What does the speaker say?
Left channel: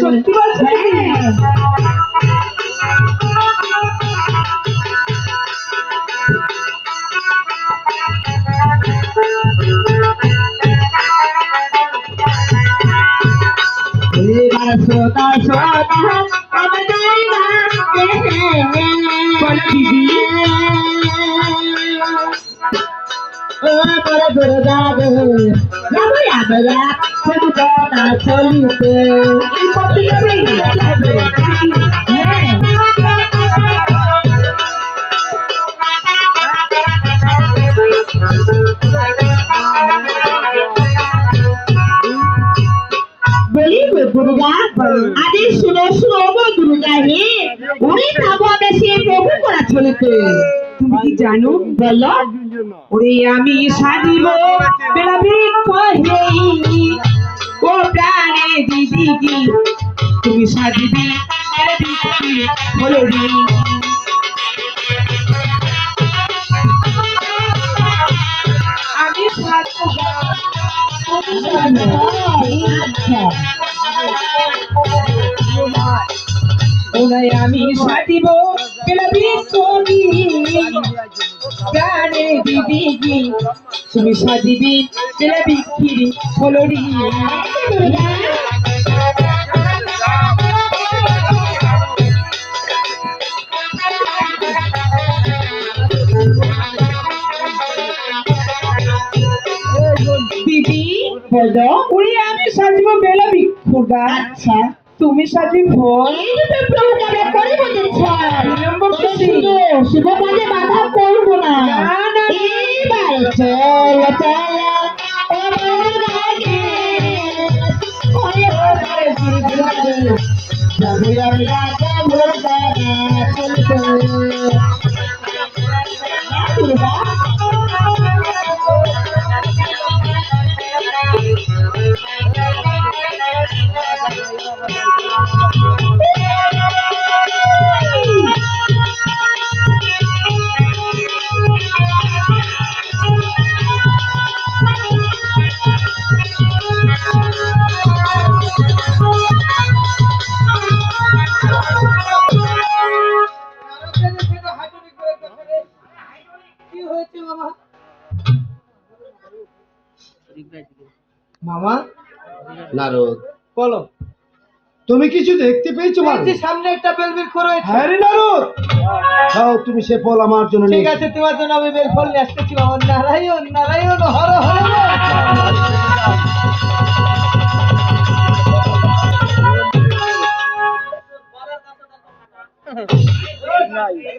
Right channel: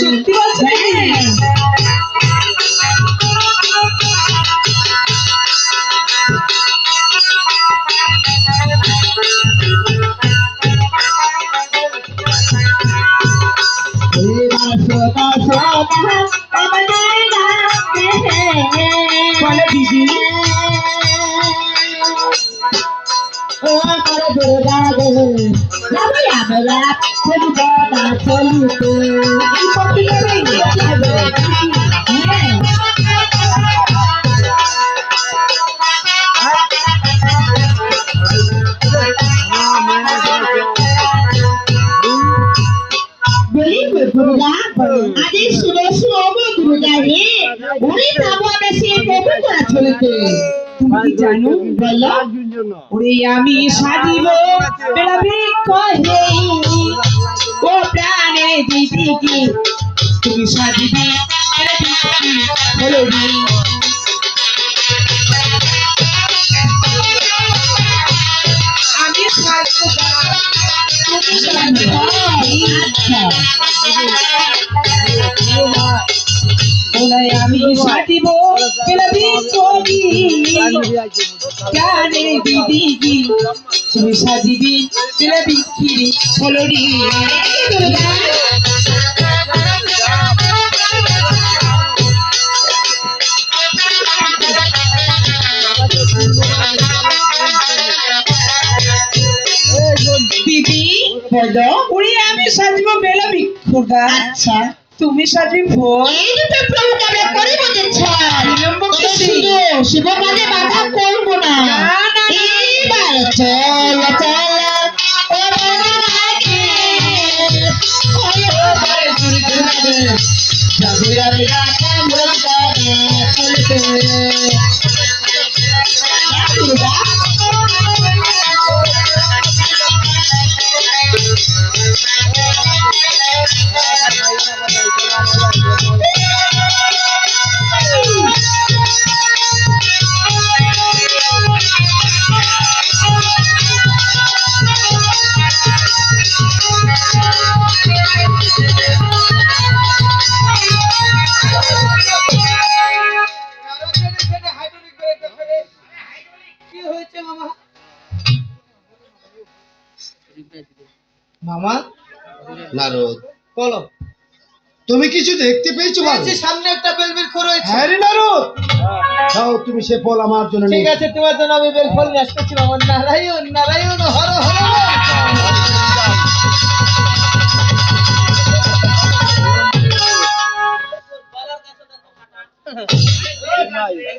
সত্যি বলছো? এবার শ্রোতা শ্রোতা আমাদের ডাকে বলো দিদি। ও বড় দুর্গা গো রামে আমরা সর্বদা চলিতে এই পত্রিকাতে হ্যাঁ বলি দুর্গা আরে শুনো শুনো গো দুর্গা রে ওরে যাবো আমরা সেই প্রভু করা চলিতে তুমি কি জানো? বলো ওরে আমি সাজিব বেড়াবৃক্ষ হেই, ও প্রাণে দিদি কি তুমি সাজিবি বেড়াবৃক্ষ হলো রে। আমি সাজবো তুমি সাজবো। আচ্ছা ওরে আমি সাজিব বেড়াবৃক্ষ প্রাণে দিদি কি তুমি সাজিবি বেড়াবৃক্ষির হলো রে। দুর্গা দিদি বলো ওরে আমি সাজবো বেড়াবৃক্ষটা, আচ্ছা তুমি সাজবি ফল। এই রূপে প্রভুকে আমরা করিব দিচ্ছাই বিলম্ব তবে করছি। শুধু শিব কাজে বাধা করবো না না, না, না। এবার চল চল ও রাগে ওরে ওরে দুর্গারে যাবে আমি রাজা মুরগারে চলতে দুর্গা কি হয়েছে মামা? মামা নারদ, বলো। তুমি কিছু দেখতে পেয়েছো বাবু? পেয়েছি, সামনে একটা বেলবৃক্ষ রয়েছে। হ্যাঁ রে নারদ, দাও তুমি সে ফল আমার জন্য ঠিক নিয়ে আছে, তোমার জন্য আমি বেল ফল নিয়ে আসতেছি মামা। নারায়ণ নারায়ণ হর হর।